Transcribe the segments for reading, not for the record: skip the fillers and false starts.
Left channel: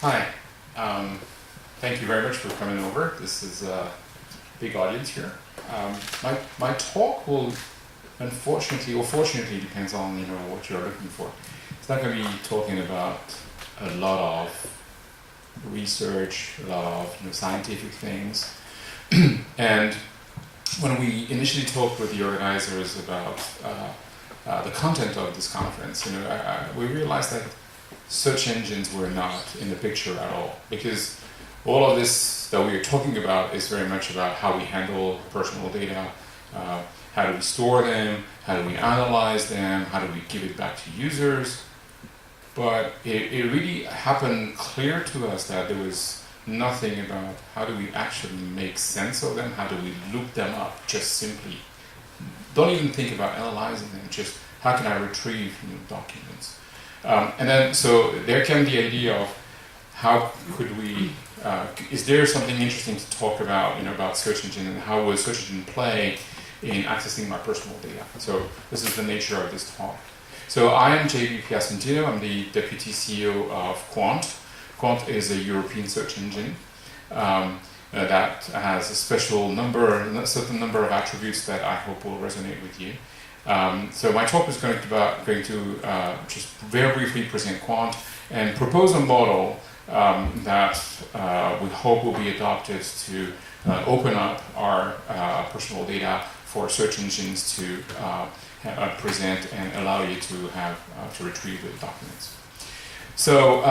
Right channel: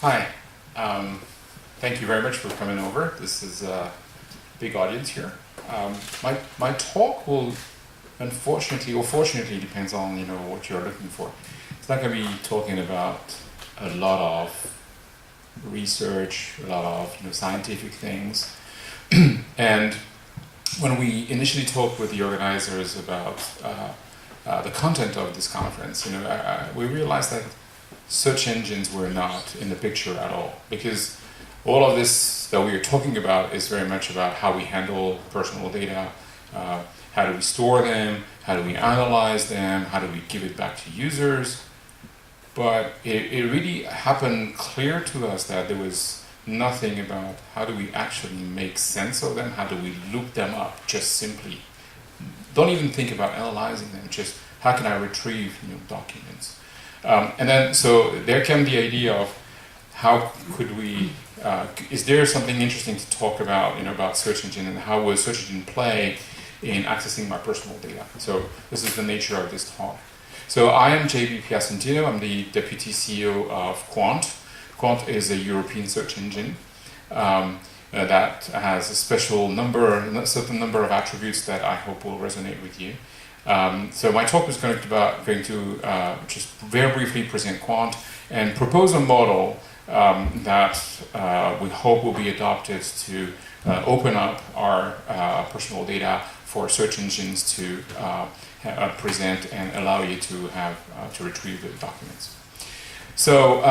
Hi. Um, Thank you very much for coming over. This is a big audience here. My talk will, unfortunately or fortunately, depends on what you're looking for. It's not going to be talking about a lot of research, a lot of scientific things. And when we initially talked with the organizers about the content of this conference, we realized that search engines were not in the picture at all, because all of this that we are talking about is very much about how we handle personal data, how do we store them, how do we analyze them, how do we give it back to users. But it really happened clear to us that there was nothing about how do we actually make sense of them, how do we look them up, just simply. Don't even think about analyzing them, just how can I retrieve documents. And then, so there came the idea of how could we, is there something interesting to talk about search engine, and how will search engine play in accessing my personal data? So this is the nature of this talk. So I am JB Piacentino. I'm the Deputy CEO of Quant. Quant is a European search engine that has a certain number of attributes that I hope will resonate with you. So my talk is going to just very briefly present Quant and propose a model that we hope will be adopted to open up our personal data for search engines to present and allow you to retrieve the documents. So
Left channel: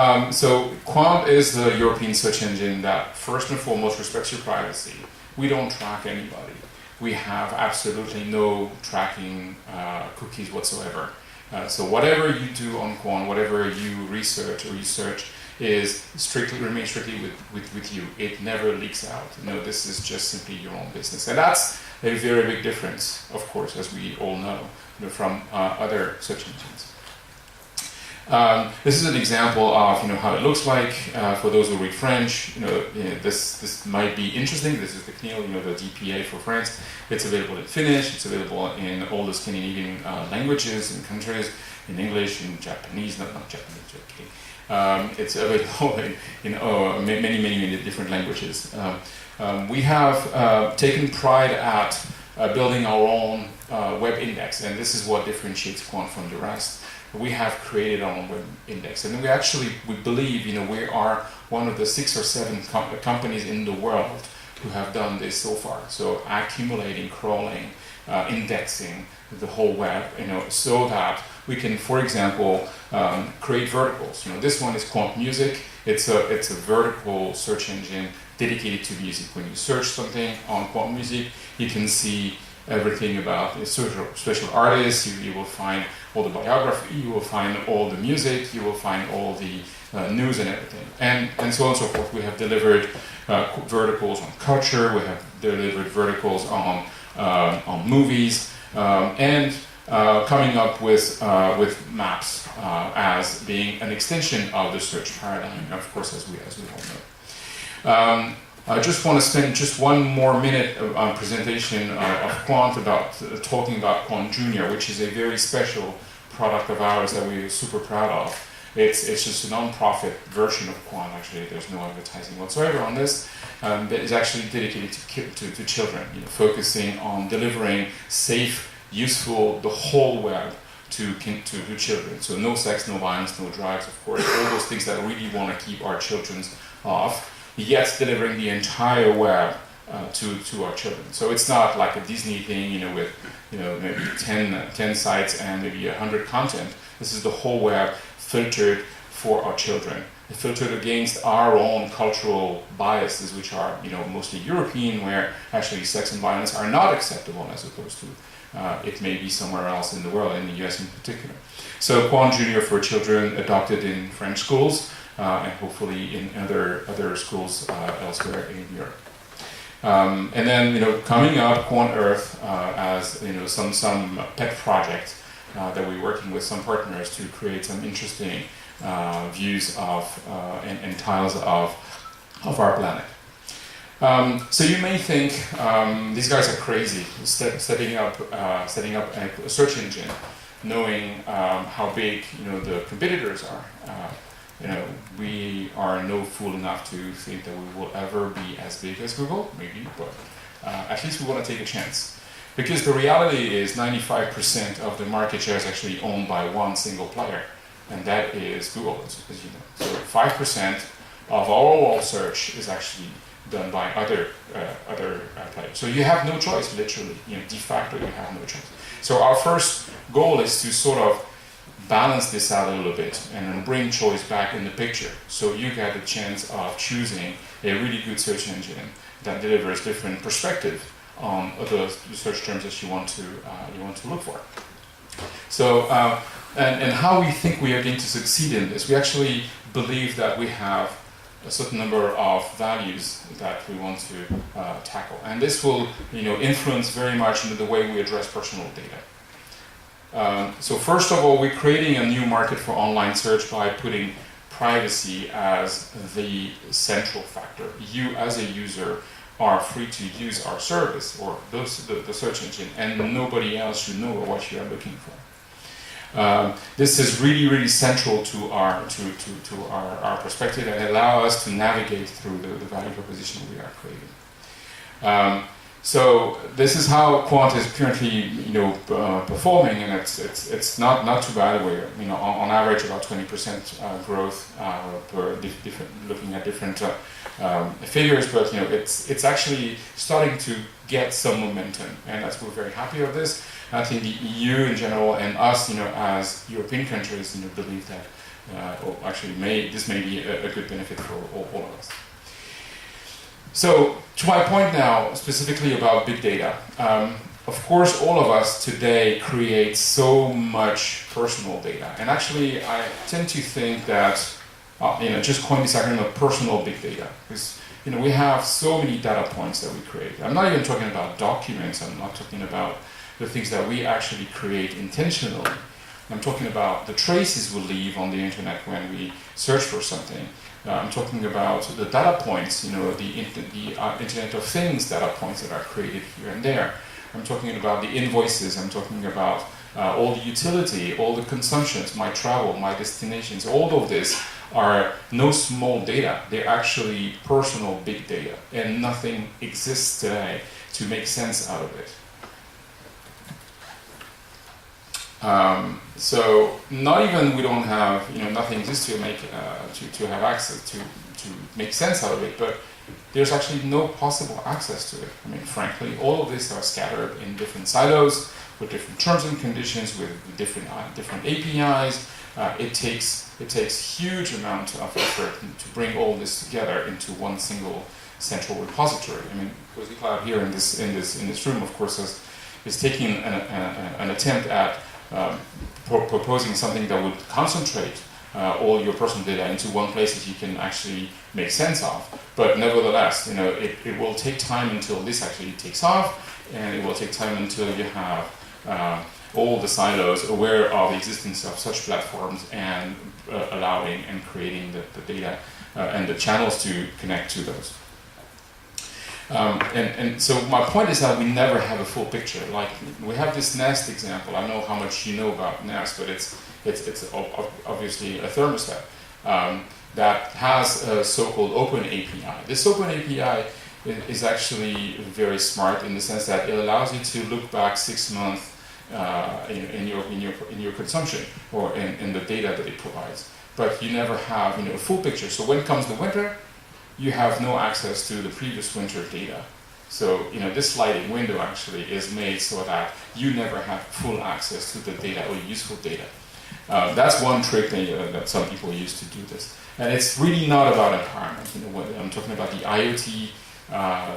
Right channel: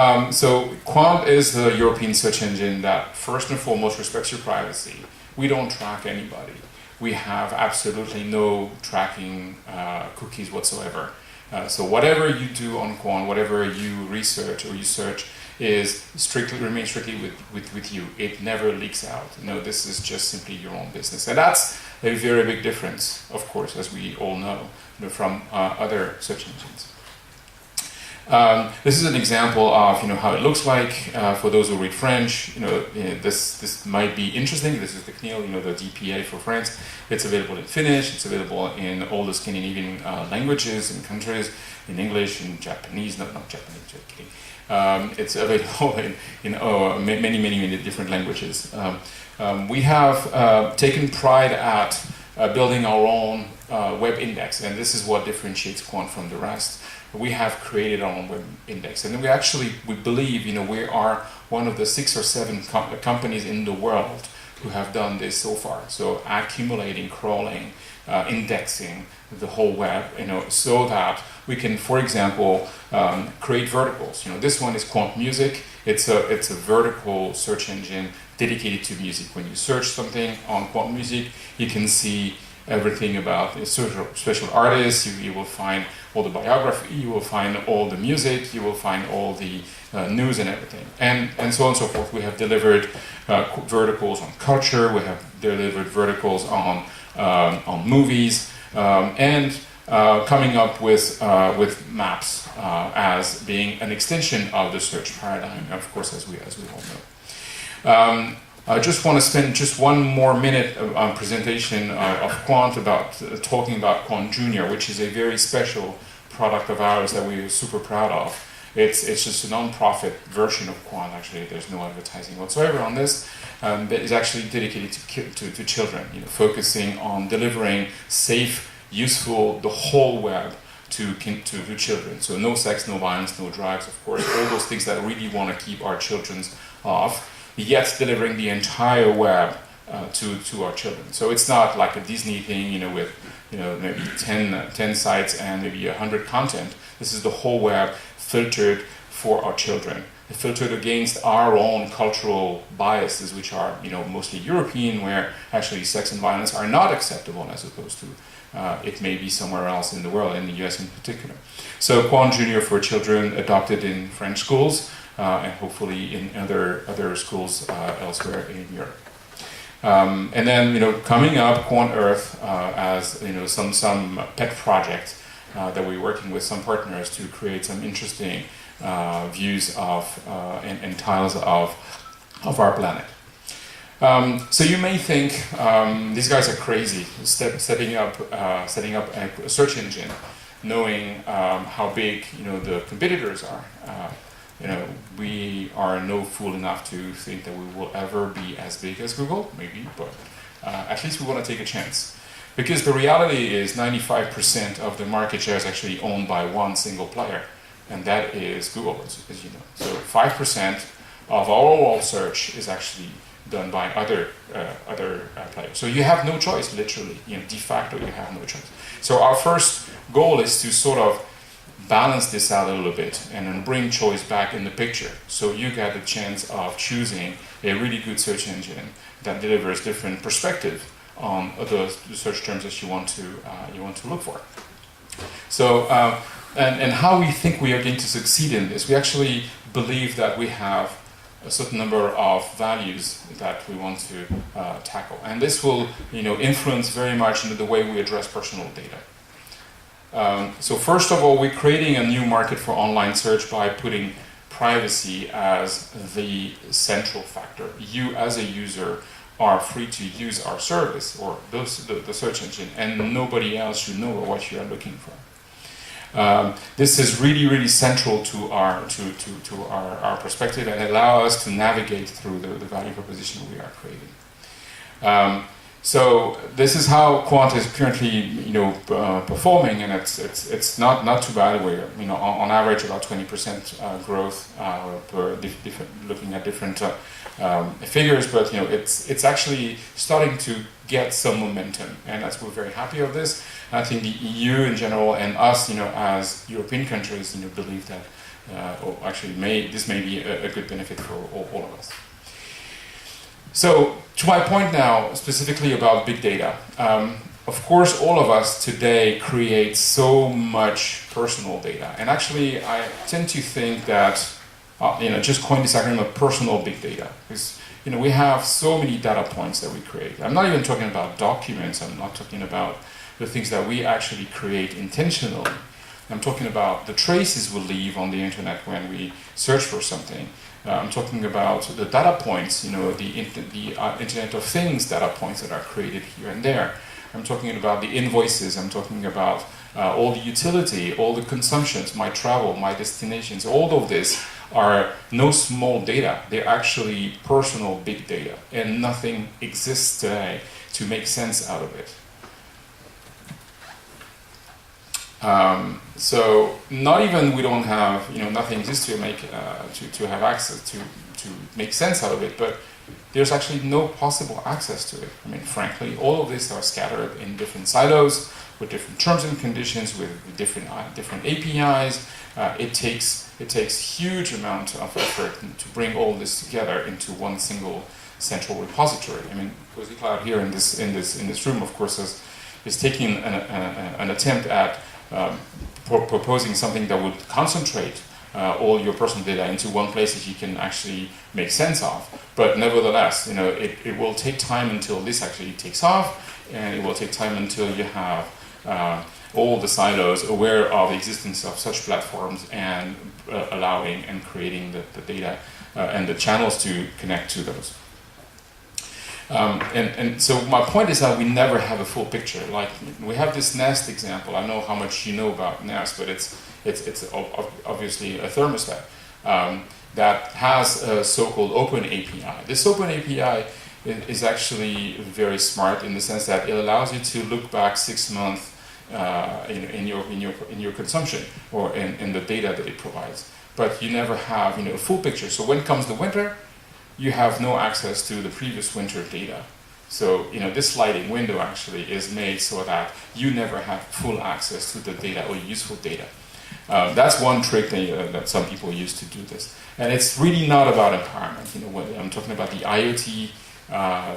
Quant is the European search engine that first and foremost respects your privacy. We don't track anybody. We have absolutely no tracking cookies whatsoever. So whatever you do on Quan, whatever you research or you search, remains strictly with you. It never leaks out. This is just simply your own business, and that's a very big difference, of course, as we all know, from other search engines. This is an example of how it looks like for those who read French. This might be interesting. This is the CNIL, the DPA for France. It's available in Finnish. It's available in all the Scandinavian languages and countries, in English, in Japanese. Not Japanese, just kidding. It's available in many different languages. We have taken pride at building our own web index, and this is what differentiates Quant from the rest. We have created our own web index, and we believe we are one of the 6 or 7 companies in the world who have done this so far. So accumulating, crawling, indexing the whole web, so that we can, for example, create verticals. This one is Quant Music. It's a vertical search engine dedicated to music. When you search something on Quant Music, you can see everything about a special artist. You will find all the biography, you will find all the music, you will find all the news and everything, and so on and so forth. We have delivered verticals on culture. We have delivered verticals on movies, and coming up with maps as being an extension of the search paradigm, of course, as we all know. I just want to spend just one more minute on presentation of Quant, talking about Quan Jr., which is a very special product of ours that we're super proud of. It's just a non-profit version of Quant. Actually, there's no advertising whatsoever on this. That is actually dedicated to children, focusing on delivering safe, useful, the whole web to children. So no sex, no violence, no drugs, of course, all those things that really want to keep our children off, yet delivering the entire web to our children. So it's not like a Disney thing, with maybe 10 sites and maybe 100 content. This is the whole web filtered for our children, filtered against our own cultural biases, which are mostly European, where actually sex and violence are not acceptable, as opposed to it may be somewhere else in the world, in the US in particular. So Quan Jr. for children, adopted in French schools, and hopefully in other schools elsewhere in Europe. And then coming up, Quant Earth as some pet project that we're working with some partners to create some interesting views of and tiles of our planet. So you may think these guys are crazy setting up a search engine, knowing how big the competitors are. we are no fool enough to think that we will ever be as big as Google, maybe, but at least we want to take a chance. Because the reality is 95% of the market share is actually owned by one single player, and that is Google, as you know. So 5% of all search is actually done by other players. So you have no choice, literally. De facto, you have no choice. So our first goal is to sort of balance this out a little bit and then bring choice back in the picture. So you get the chance of choosing a really good search engine that delivers different perspective on the search terms that you want to look for. So, and how we think we are going to succeed in this, we actually believe that we have a certain number of values that we want to tackle, and this will, influence very much into the way we address personal data. So first of all, we're creating a new market for online search by putting privacy as the central factor. You, as a user, are free to use our service or the search engine, and nobody else should know what you are looking for. This is really, really central to our perspective and allow us to navigate through the value proposition we are creating. So this is how Quant is currently, performing, and it's not too bad. We're, on average about 20% growth per looking at different figures, but it's actually starting to get some momentum, and we're very happy of this. I think the EU in general and us, as European countries, believe that this may be a good benefit for all of us. So, to my point now, specifically about big data. Of course, all of us today create so much personal data, and actually, I tend to think that, just coin this acronym of personal big data, because we have so many data points that we create. I'm not even talking about documents. I'm not talking about the things that we actually create intentionally. I'm talking about the traces we leave on the internet when we search for something. I'm talking about the data points, the Internet of Things data points that are created here and there. I'm talking about the invoices. I'm talking about all the utility, all the consumptions, my travel, my destinations. All of this are no small data. They're actually personal big data, and nothing exists today to make sense out of it. So not even we don't have, nothing exists to make to have access to make sense out of it, but there's actually no possible access to it. I mean, frankly, all of this are scattered in different silos with different terms and conditions, with different APIs. It takes huge amount of effort to bring all this together into one single central repository. I mean, Cozy Cloud here in this room, of course, is taking an attempt at proposing something that would concentrate all your personal data into one place that you can actually make sense of. But nevertheless, it will take time until this actually takes off, and it will take time until you have all the silos aware of the existence of such platforms and allowing and creating the data and the channels to connect to those. And so my point is that we never have a full picture. Like, we have this Nest example. I know how much you know about Nest, but it's obviously a thermostat that has a so-called open API. This open API is actually very smart in the sense that it allows you to look back 6 months in your consumption or in the data that it provides. But you never have a full picture. So when comes the winter, you have no access to the previous winter data. So, this sliding window actually is made so that you never have full access to the data or useful data. That's one trick that some people use to do this. And it's really not about empowerment. I'm talking about the IoT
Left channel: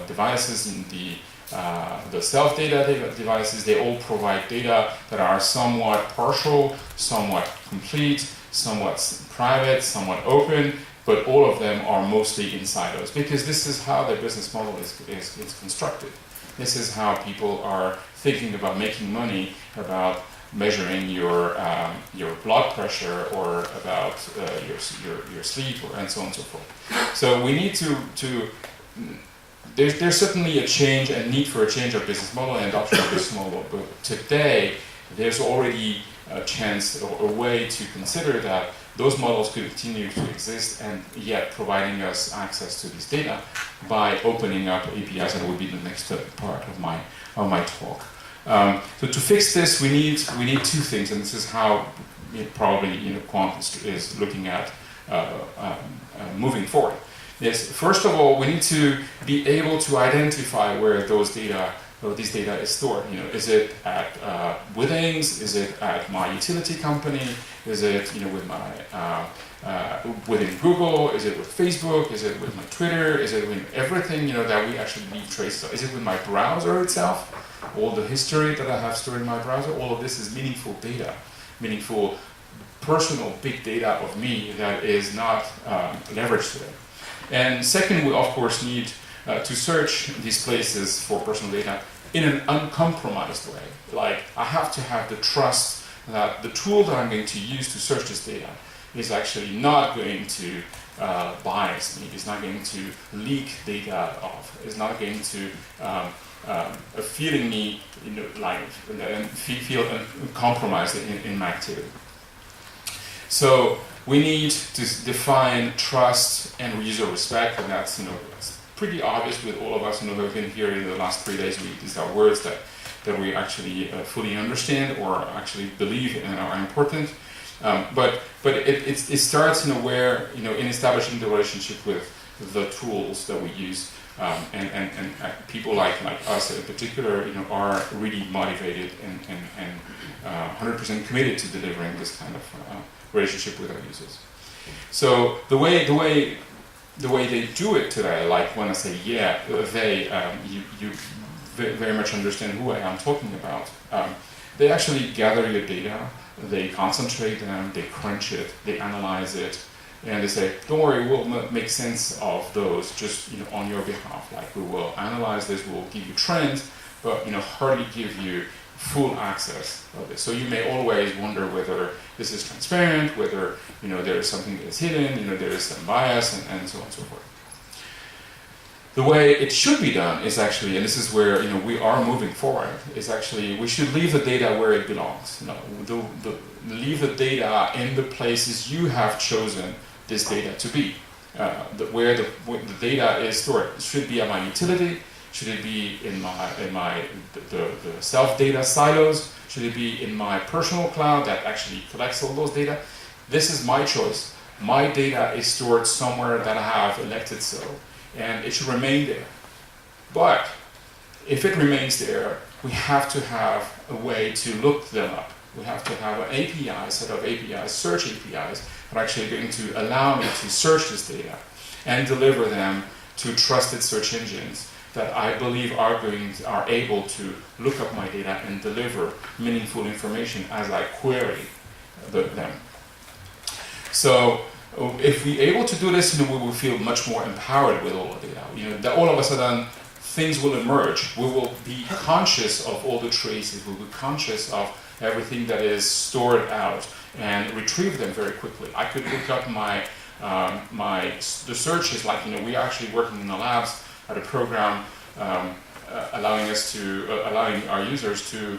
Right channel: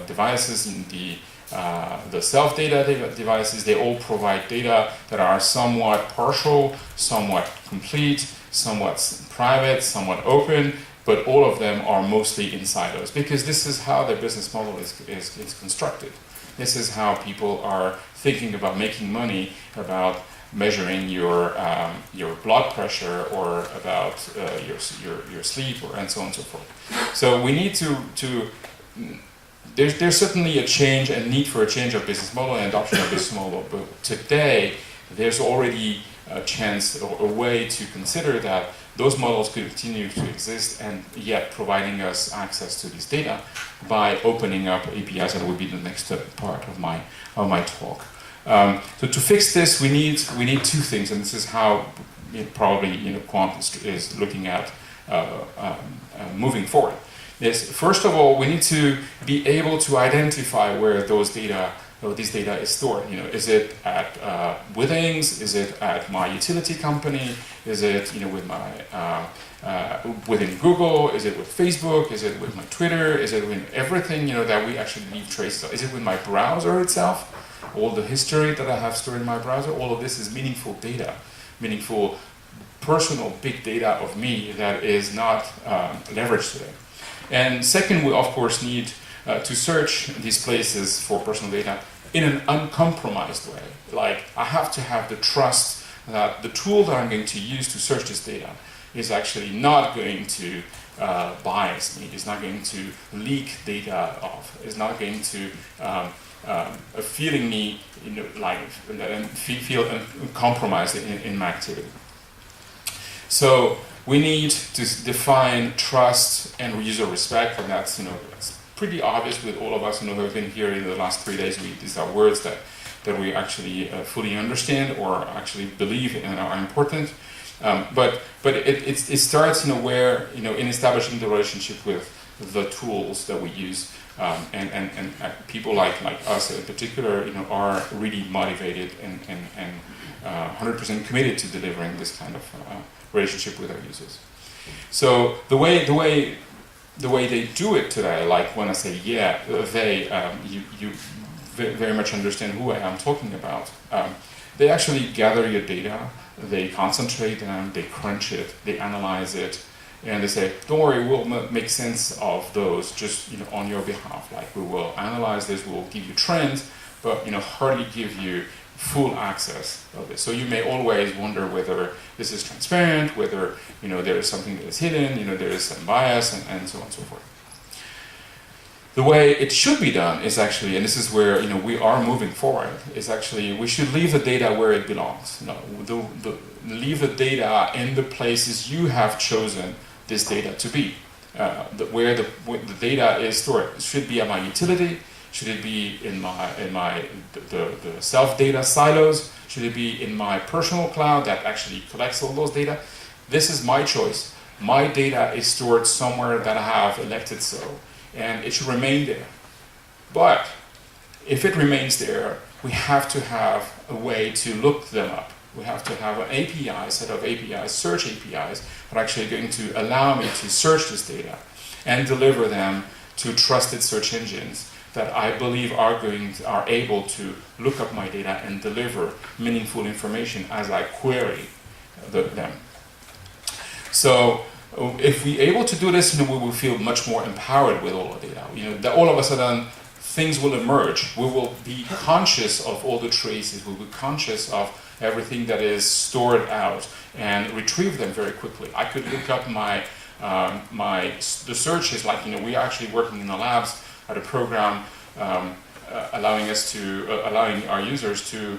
devices and the self-data devices. They all provide data that are somewhat partial, somewhat complete, somewhat private, somewhat open, but all of them are mostly in silos, because this is how their business model is constructed. This is how people are thinking about making money, about measuring your blood pressure, or about your sleep, and so on and so forth. So we need to there's certainly a need for a change of business model and adoption of business model, but today there's already a chance or a way to consider that those models could continue to exist and yet providing us access to this data by opening up APIs. That would be the next part of my talk. So to fix this, we need two things, and this is how probably Quant is looking at moving forward. Is first of all, we need to be able to identify where this data is stored. Is it at Withings? Is it at my utility company? Is it with my within Google? Is it with Facebook? Is it with my Twitter? Is it with everything that we actually leave traces of? Is it with my browser itself? All the history that I have stored in my browser? All of this is meaningful data, meaningful personal big data of me that is not leveraged today. And second, we of course need to search these places for personal data in an uncompromised way. Like, I have to have the trust that the tool that I'm going to use to search this data is actually not going to bias me, is not going to leak data off, is not going to feeling me feel compromised in my activity. So we need to define trust and user respect, and that's it's pretty obvious with all of us who have been here in the last 3 days. These are words that we actually fully understand or actually believe and are important. But it starts where in establishing the relationship with the tools that we use, and people like us in particular are really motivated and 100% committed to delivering this kind of relationship with our users. So the way they do it today, like when I say you very much understand who I am talking about. They actually gather your data, they concentrate them, they crunch it, they analyze it, and they say, don't worry, we'll make sense of those just on your behalf. Like, we will analyze this, we'll give you trends, but hardly give you full access of this. So you may always wonder whether this is transparent, whether there is something that is hidden, there is some bias, and so on and so forth. The way it should be done is actually, and this is where we are moving forward, is actually we should leave the data where it belongs. Leave the data in the places you have chosen this data to be. Where the data is stored. It should be at my utility. Should it be in the self-data silos? Should it be in my personal cloud that actually collects all those data? This is my choice. My data is stored somewhere that I have elected so, and it should remain there. But if it remains there, we have to have a way to look them up. We have to have an API, set of APIs, search APIs, that are actually going to allow me to search this data and deliver them to trusted search engines that I believe are able to look up my data and deliver meaningful information as I query them. So if we're able to do this, we will feel much more empowered with all the data. That all of a sudden things will emerge. We will be conscious of all the traces. We'll be conscious of everything that is stored out and retrieve them very quickly. I could look up the searches, like we're actually working in the labs at a program allowing our users to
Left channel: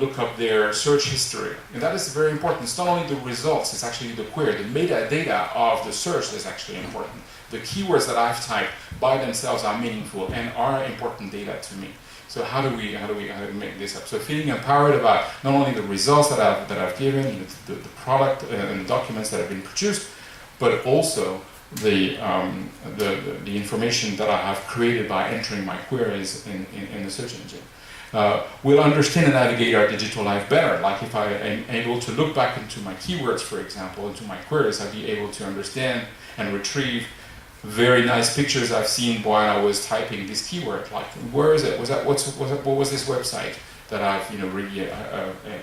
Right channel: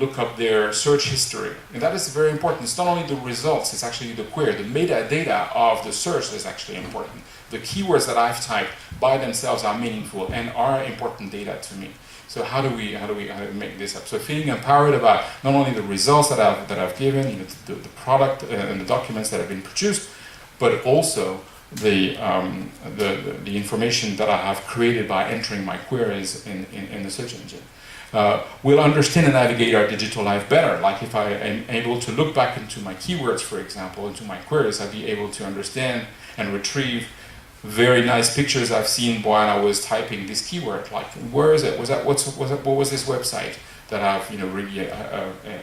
look up their search history. And that is very important. It's not only the results, it's actually the query. The metadata of the search is actually important. The keywords that I've typed by themselves are meaningful and are important data to me. So how do we make this up? So feeling empowered about not only the results that I've given, the product and the documents that have been produced, but also the information that I have created by entering my queries in the search engine. We'll understand and navigate our digital life better. Like if I am able to look back into my keywords, for example, into my queries, I'll be able to understand and retrieve very nice pictures I've seen while I was typing this keyword. Like, where is it? What was this website that I've really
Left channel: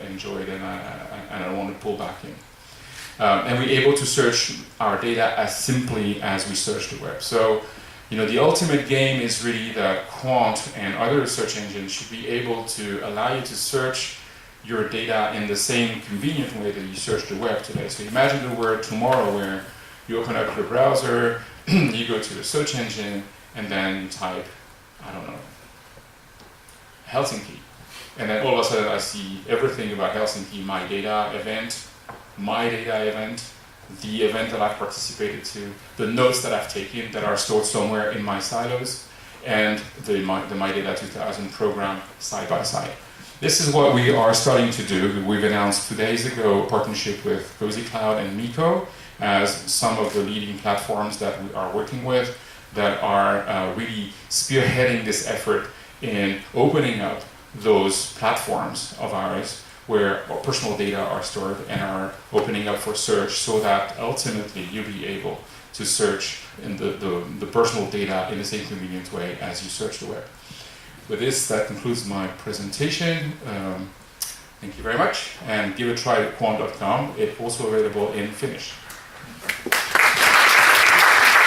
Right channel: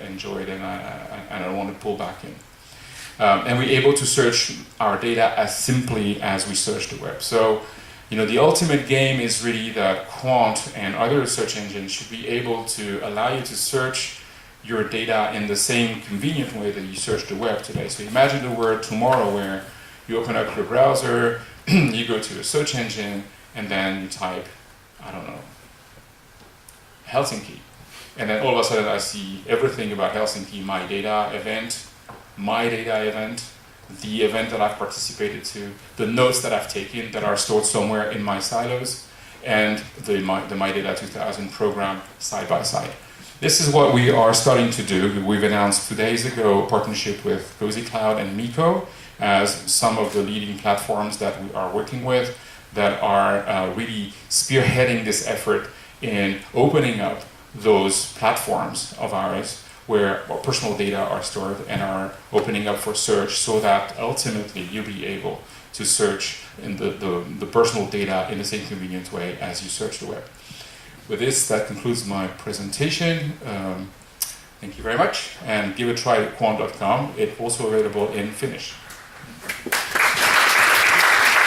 enjoyed and I want to pull back in? And we're able to search our data as simply as we search the web. So, the ultimate game is really that Quant and other search engines should be able to allow you to search your data in the same convenient way that you search the web today. So imagine the world tomorrow where you open up your browser, you go to a search engine, and then you type, I don't know, Helsinki. And then all of a sudden I see everything about Helsinki, my data event, the event that I've participated to, the notes that I've taken that are stored somewhere in my silos, and the MyData2000 program side by side. This is what we are starting to do. We've announced 2 days ago a partnership with Cozy Cloud and Miko as some of the leading platforms that we are working with that are really spearheading this effort in opening up those platforms of ours where our personal data are stored and are opening up for search so that ultimately you'll be able to search in the personal data in the same convenient way as you search the web. With this, that concludes my presentation. Thank you very much, and give a try at quan.com. It's also available in Finnish.